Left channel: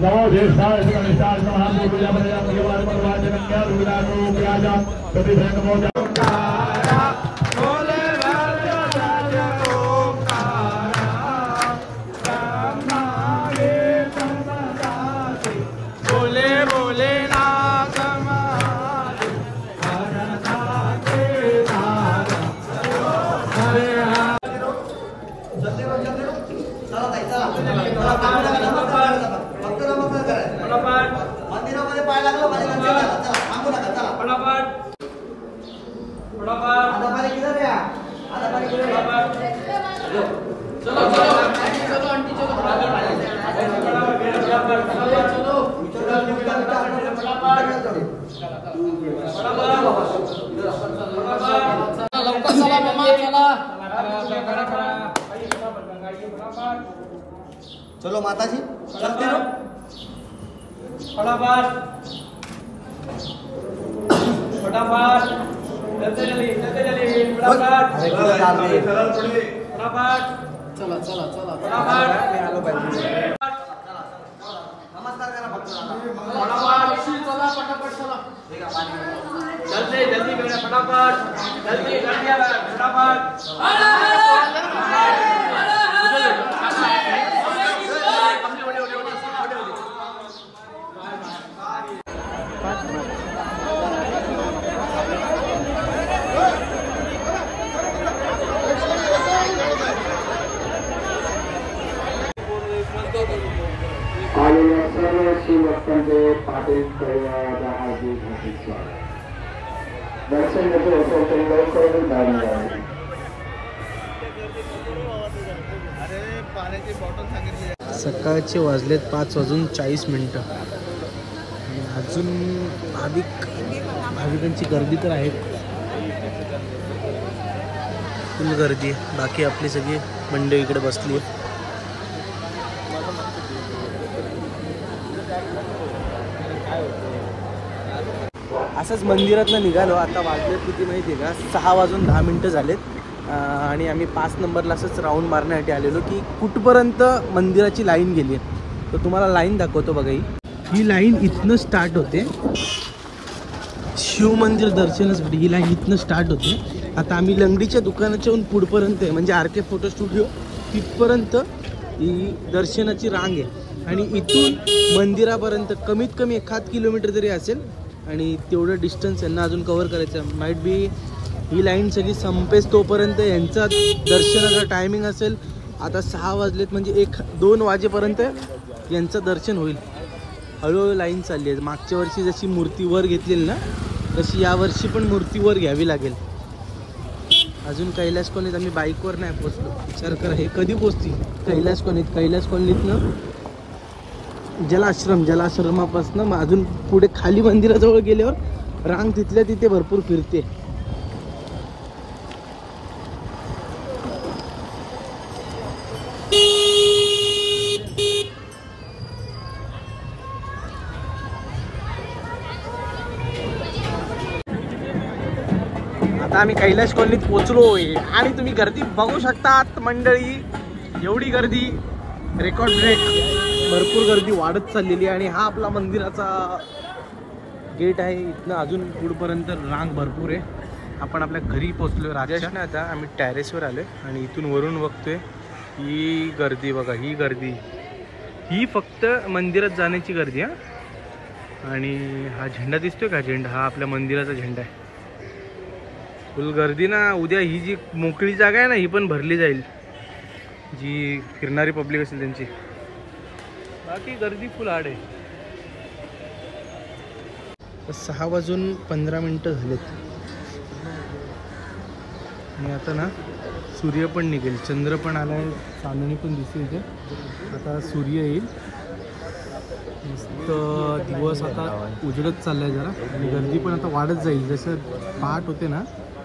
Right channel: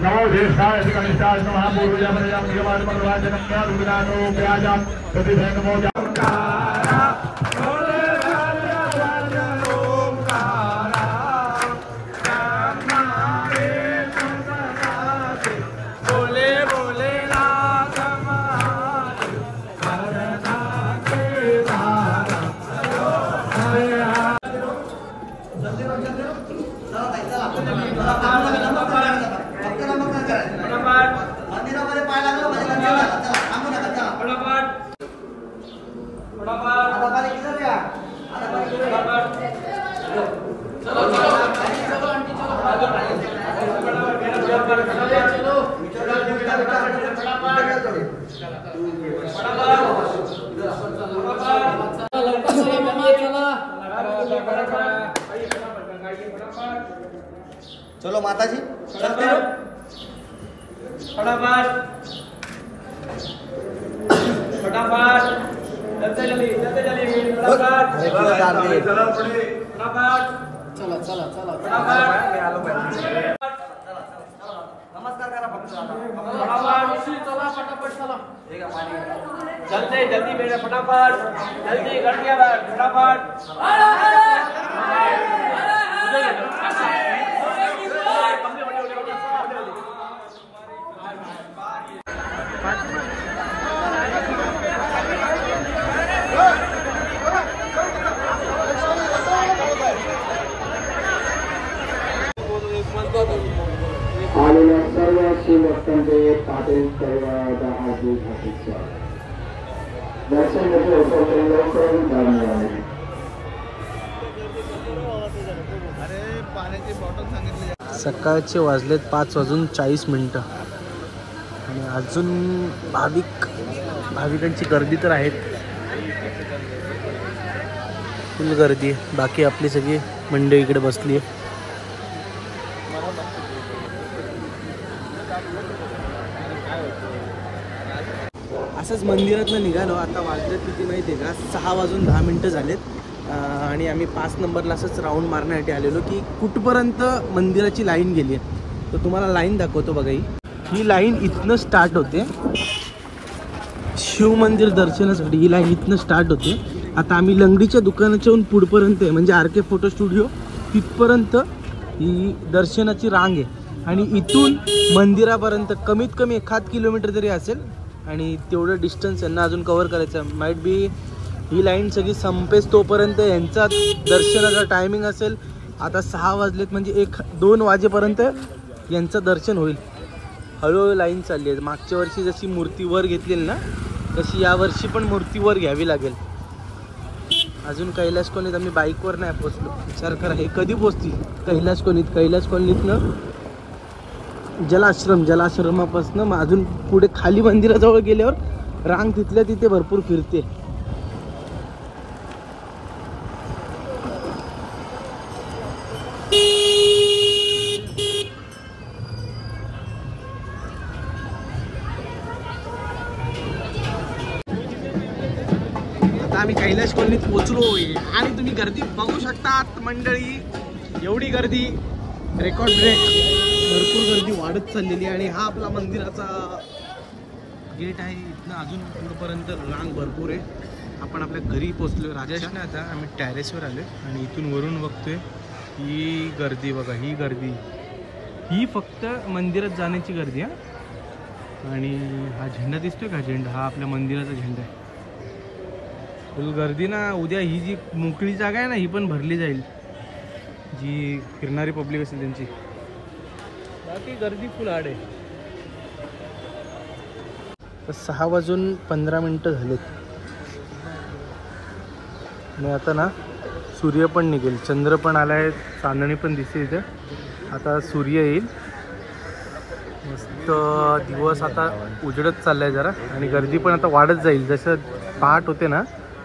नमो ज्येष्ठाय गणेशाय नमः बोलूया प्रजा देवाय परवाचन क्या दुविधानो प्याजा कति नमो चलो माताजी चलते हो चला चला चला नमस्कार करा फक्त चला फटाफट चला जल्दी जल्दी करा फटाफट जल्दी कर दिया फटाफट आलेल्या सर्व शिवभक्तांचे पाटील दैवादा हार्दिक हार्दिक स्वागत. दर्शन घेतले होते लवकरच धावून जावे. अरे पाण्याची बॉटल सांगितली. सकाळचे वाजलेत 5:40 आणि अजून भाविकांची गर्दी तर आहेत, फुल गर्दी आहे. बाकी आपली सगळी मंडळी इकडे बसली आहे. असंच मंदिरातनं निघालो. आता वाजलेत किती माहिती आहे का, 6:10 झालेत आणि आम्ही 5 नंबरला असंच राऊंड मारण्यासाठी आलेलो की कुठपर्यंत मंदिराची लाईन गेली आहे. तर तुम्हाला लाईन दाखवतो बघा. ही लाईन इथनं स्टार्ट होते, शिव मंदिर दर्शनासाठी ही लाईन इथनं स्टार्ट होते. आता आम्ही लंगडीच्या दुकानाच्याहून पुढपर्यंत आहे, म्हणजे RK फोटो स्टुडिओ तिथपर्यंत ही दर्शनाची रांग आहे. आणि इथून मंदिरापर्यंत कमीत कमी 1 किलोमीटर तरी असेल. आणि तेवढं डिस्टन्स यांना अजून कव्हर करायचं. माईट बी ही लाईन सगळी संपेस तोपर्यंत यांचा दर्शनाचा टायमिंग असेल. आता 6 वाजलेत, म्हणजे 1-2 वाजेपर्यंत यांचं दर्शन होईल. हळूहळू लाईन चालली आहे. मागच्या वर्षी जशी मूर्ती वर घेतलेली ना, तशी यावर्षी पण मूर्ती वर घ्यावी लागेल. अजून कैलास कॉलनीत आम्ही बाईकवर नाही पोचलो. विचार करा हे कधी पोचतील कैलास कॉलनीतनं जलाश्रमापासून अजून पुढे खाली मंदिराजवळ गेल्यावर रांग तिथल्या तिथे भरपूर फिरते. आता आम्ही कैलास कॉलनीत पोचलोय आणि तुम्ही गर्दी बघू शकतात मंडळी. एवढी गर्दी, रेकॉर्ड ब्रेक. भरपूर गर्दी वाढत चाललेली आहे. आणि हा आपला मंदिराचा गेट आहे. इथनं अजून पुढपर्यंत रांग भरपूर आहे. आपण आपल्या घरी पोचलोय राजेश ना. आता आम्ही टॅरेसवर आलोय आणि इथून वरून बघतोय ही गर्दी बघा. ही गर्दी ही फक्त मंदिरात जाण्याची गर्दी आहे. आणि हा झेंडा दिसतोय का, झेंडा हा आपल्या मंदिराचा झेंडा आहे. फुल गर्दी ना. उद्या ही जी मोकळी जागा आहे ना, ही पण भरली जाईल, जी फिरणारी पब्लिक असेल त्यांची. बाकी गर्दी फुल आड आहे. 6:15 झालेत आणि आता ना सूर्य पण निघेल, चंद्र पण आलाय, चांदणी पण दिसते इथे. आता सूर्य येईल. मस्त दिवस आता उजडत चाललाय जरा. आणि गर्दी पण आता वाढत जाईल. जसं पहाट होते ना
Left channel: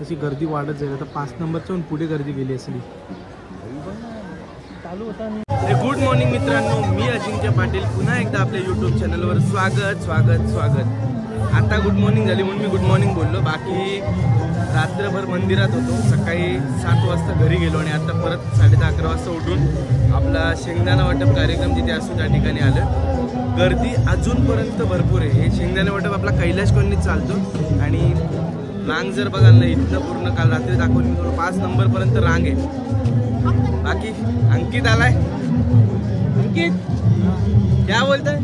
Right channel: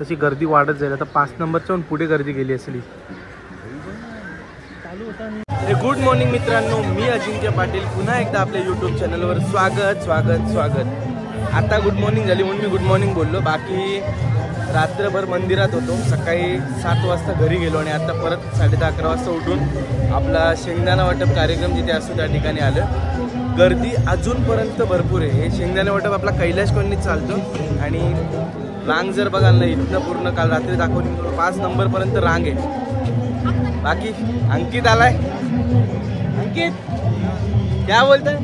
तशी गर्दी वाढत जाईल. आता 5 नंबरच्या पुढे गर्दी गेली असली. गुड मॉर्निंग मित्रांनो, मी अजिंक्य पाटील पुन्हा एकदा आपल्या यूट्यूब चॅनलवर स्वागत. आता गुड मॉर्निंग झाली म्हणून मी गुड मॉर्निंग बोललो. बाकी रात्रभर मंदिरात होतो. सकाळी 7 वाजता घरी गेलो आणि आता परत 10:30-11 वाजता उठून आपला शेंगदाणा वाटप कार्यक्रम जिथे असतो त्या ठिकाणी आलं. गर्दी अजूनपर्यंत भरपूर आहे. हे शेंगदाणा वाटप आपला कैलाश कॉलनीत चालतो आणि रांग जर बघाल ना इथनं पूर्ण काल रात्री दाखवली मी 5 नंबरपर्यंत रांग आहे. बाकी अंकित आलाय. अंकित क्या बोलता है?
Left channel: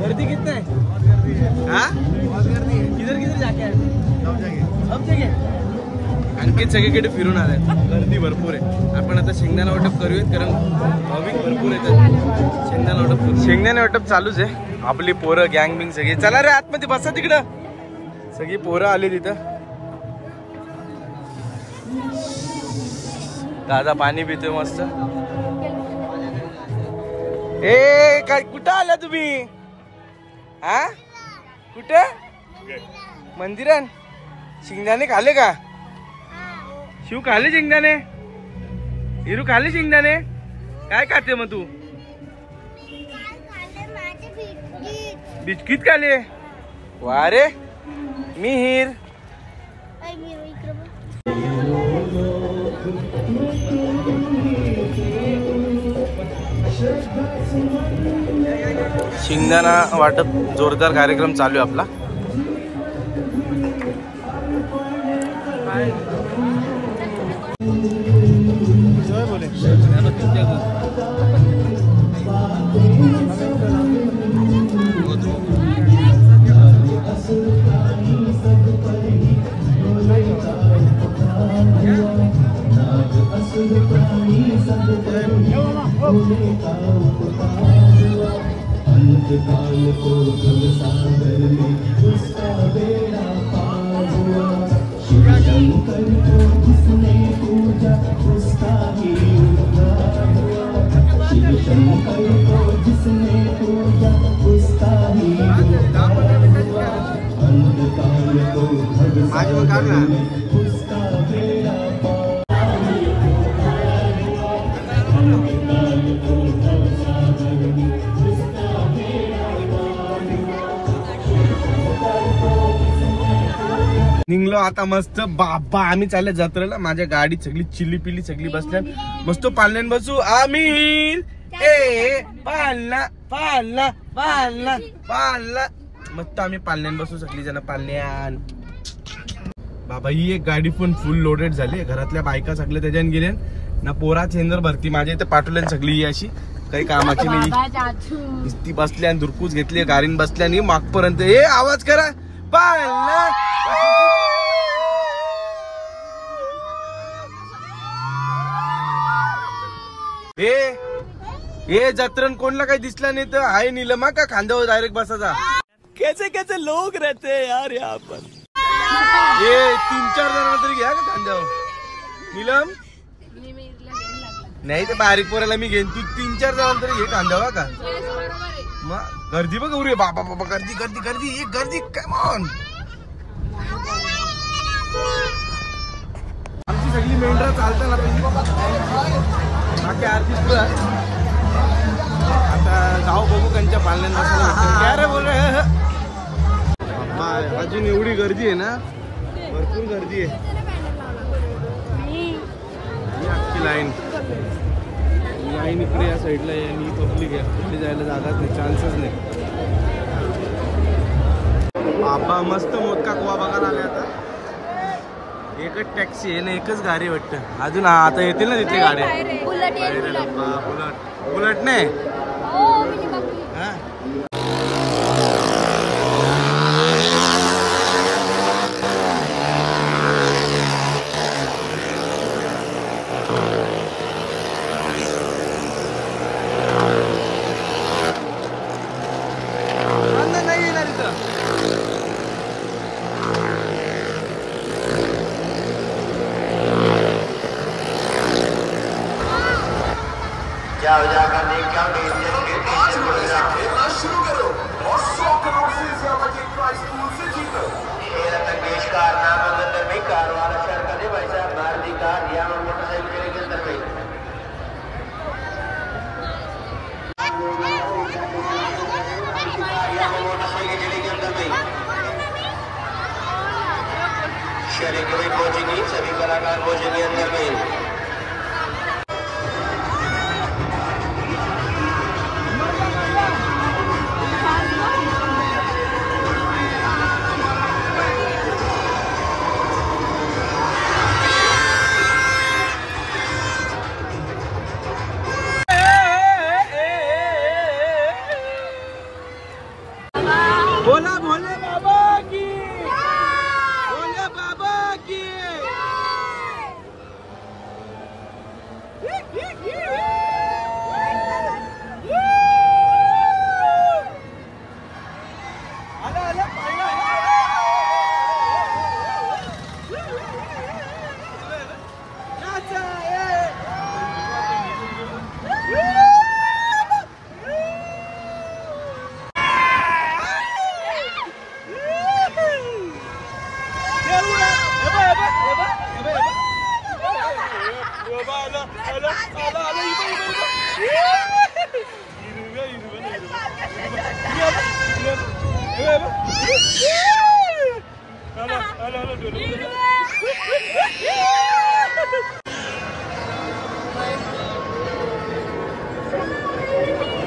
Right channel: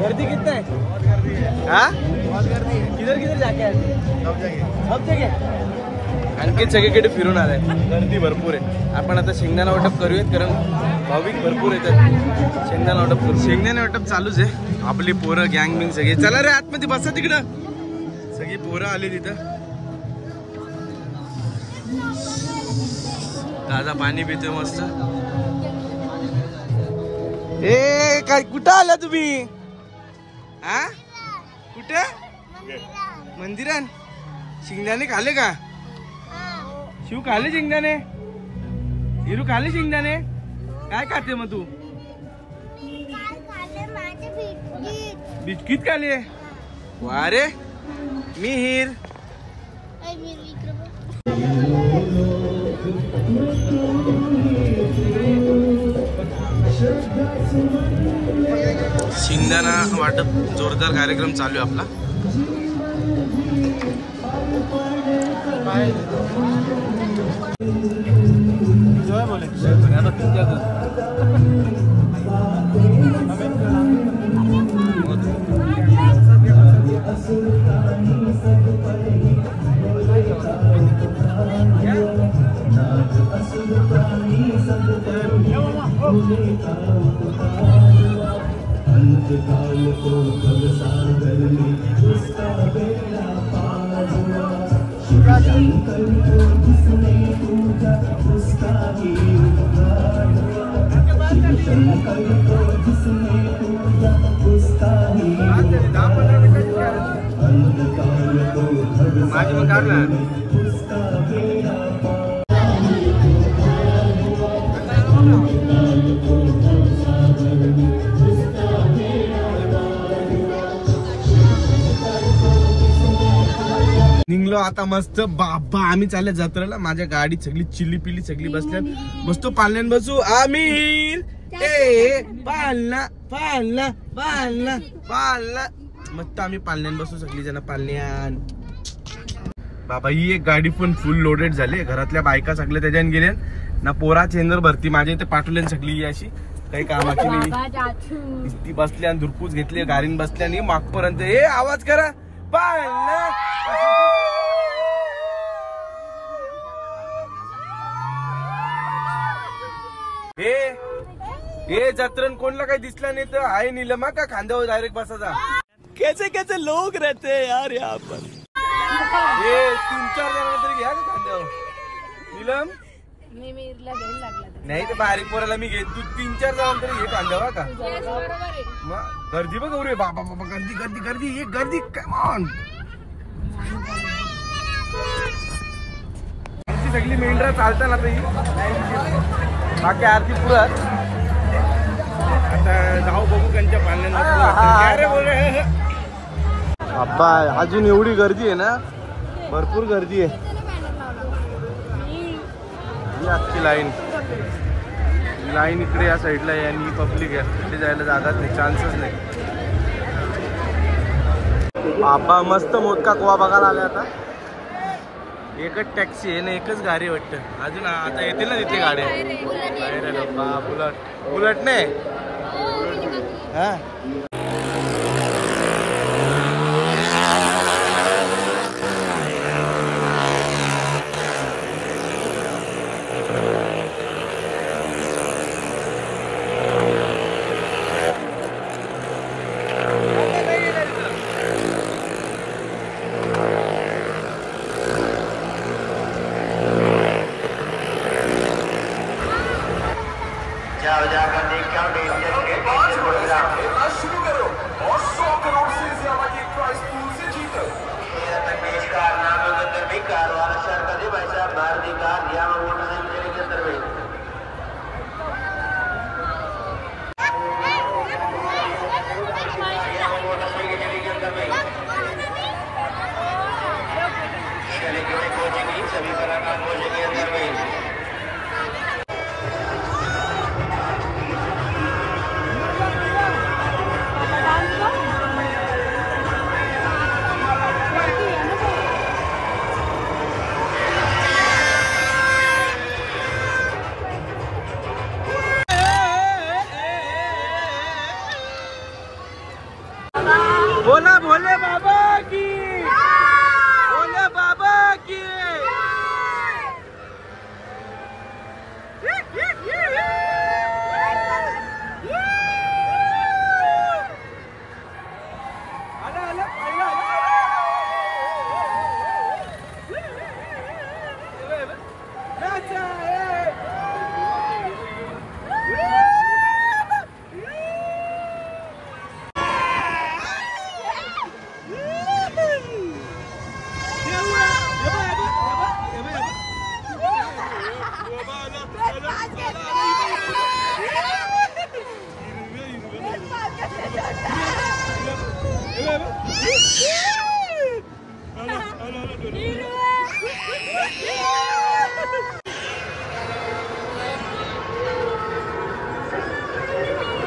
गर्दी कितना है? बहुत गर्दी है. हाँ बहुत गर्दी है. किधर किधर जाके आए? सब जगह. अंकित सगळीकडे फिरून आलाय. गर्दी भरपूर आहे. आपण आता शेंगदाणा वाटप करूयात कारण भाविक भरपूर येतात. शेंगदाणा वाटप करू. शेंगदाणा वाटप चालूच आहे. आपली पोरं गँग बिंग सगळी. चला रे आतमध्ये बसा तिकडं. सगळी पोरं आली तिथं. ताजा पाणी पितोय मस्त. ए काय कुठं आला तुम्ही? हा कुठे? मंदिरात. शेंगदाणे खाले का? शिव खाले शेंगदाणे? हिरू खाले शेंगदाणे? काय खाते मग तू? बिस्किट खाले. वा रे मिहीर. शेंगदाणा वाटप जोरदार कार्यक्रम चालू आहे आपला. माझी मग काढ ना. निघलो आता मस्त. बाबा आम्ही चालले जत्रेला. माझ्या गाडीत सगळी चिल्ली पिल्ली सगळी बसल्या. मस्त पालण्यान बसू आम्ही. पालना पालना पालना पालना. मस्त आम्ही पालण्यान बसू सगळी जण पालण्यान. बाबा ही एक गाडी पण फुल लोडेड झाली. घरातल्या बायका सगळ्या त्याच्याने गेल्या ना. पोरा चेंजर भरती माझ्या इथे पाठवले सगळी अशी काही कामाची नाही. ती बसली आणि दुरकूच घेतली गाडीन बसल्या आणि मागपर्यंत हे आवाज करा पालना. हे जत्रण कोणला काही दिसला नाही तर आहे नीलमा का खांद्यावर डायरेक्ट बसायचा. कैसे कैसे लोग रहते हैं यार यहाँ पर. ये 3-4 जण तरी घ्या का खांद्यावर. नीलम नाही ते बारीक पोराला मी घेईन. तू 3-4 जण तरी घे खांद्यावर का. मग गर्दी बघ रे बाबा बाबा. गर्दी गर्दी गर्दी. एक गर्दी कमॉन. आमची सगळी मेंढरा चालताना बाकी आरती पुरा. आता जाऊ बघू त्यांच्या पालण्यात. काय रे बोल रे बाबा. अजून एवढी गर्दी आहे ना. भरपूर गर्दी आहे. ही अख्खी लाईन इकडे या साईडला आहे आणि पब्लिक आहे. इकडे जायला जागाच नाही. चान्सच नाही. बाबा मस्त मोदका कुवा बघायला आले. आता एकच टॅक्सी आहे ना. एकच गाडी वाटतं. अजून आता येतील ना तिथली गाड्या. बाहेर डब्बा बुलट. बुलट नाही हा. नाही येणार इथं.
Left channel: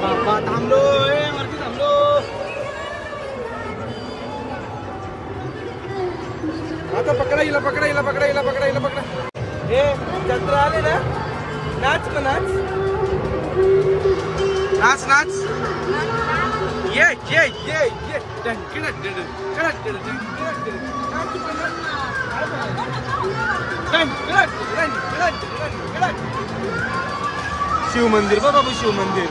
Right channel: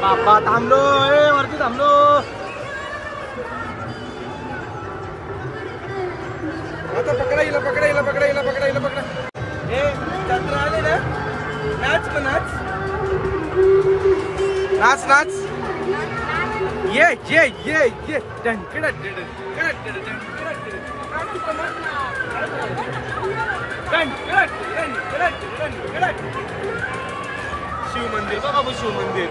बाबा थांबलो वरती थांबलो. आता पकडा हिला पकडा हिला पकडा हिला पकडा हिला पकडा. हे जत्रा आले ना. नाच का नाच नाच नाच. ये ये ये ये शिव मंदिर बघा बाबू शिव मंदिर.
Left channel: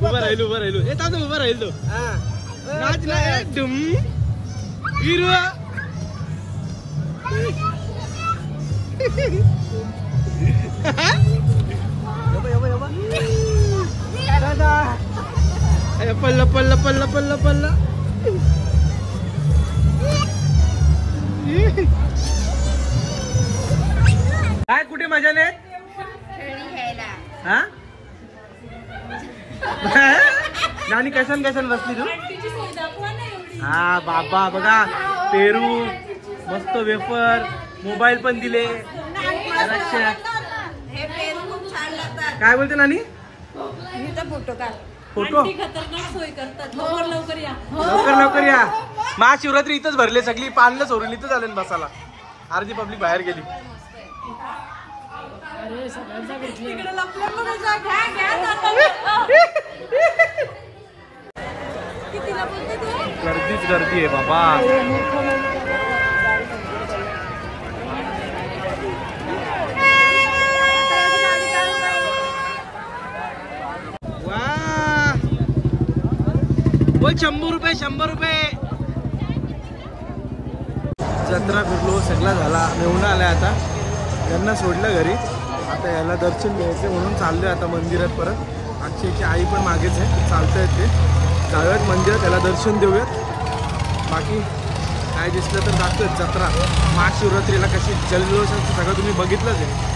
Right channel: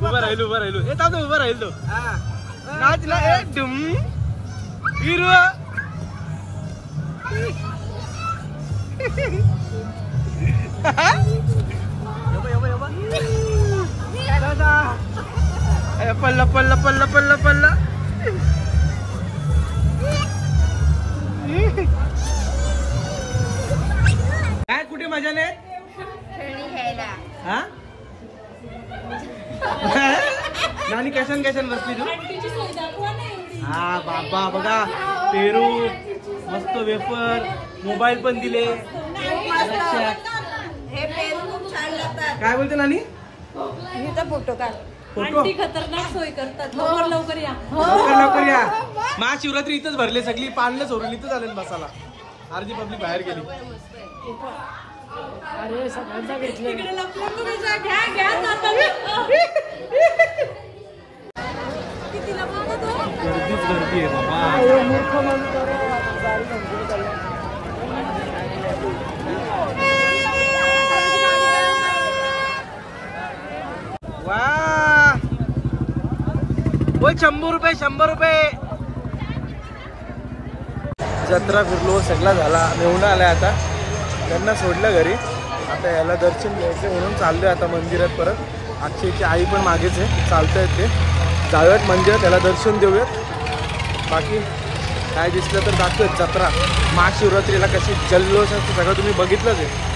उभा राहिलो ए तातो उभा राहिलो नाचला ए डुम हिरवा पल्ला पल्ला पल्ला पल्ला पल्ला. काय कुठे मजा नाही हा. नानी कैसन कैसन बसली तू. हा बाबा बघा पेरू मस्त वेफर मोबाईल पण दिले. काय बोलते नानी. फोटो काढ. फोटो खतरनाक सोय करतात. लवकर लवकर या. लवकर या. महाशिवरात्री इथंच भरले सगळी पानलं सोडली इथंच आले बसायला. अर्धी पब्लिक बाहेर गेली. अरे सगळ्यांचा घेतले. गर्दीच गर्दी आहे बाबा. वा बोल 100 रुपये 100 रुपये. जत्रा फिरलो सगळा झाला. मेहुणा आलाय आता त्यांना सोडलं घरी. आता याला दर्शन घ्यायचं म्हणून चाललोय आता मंदिरात परत. अक्षयची आई पण मागेच आहे चालतायत ते. जाऊयात मंदिरात त्याला दर्शन देऊयात. बाकी काय दिसलं तर दाखवत जत्रा महाशिवरात्रीला कशी जल्लोष असतं सगळं तुम्ही बघितलंच आहे.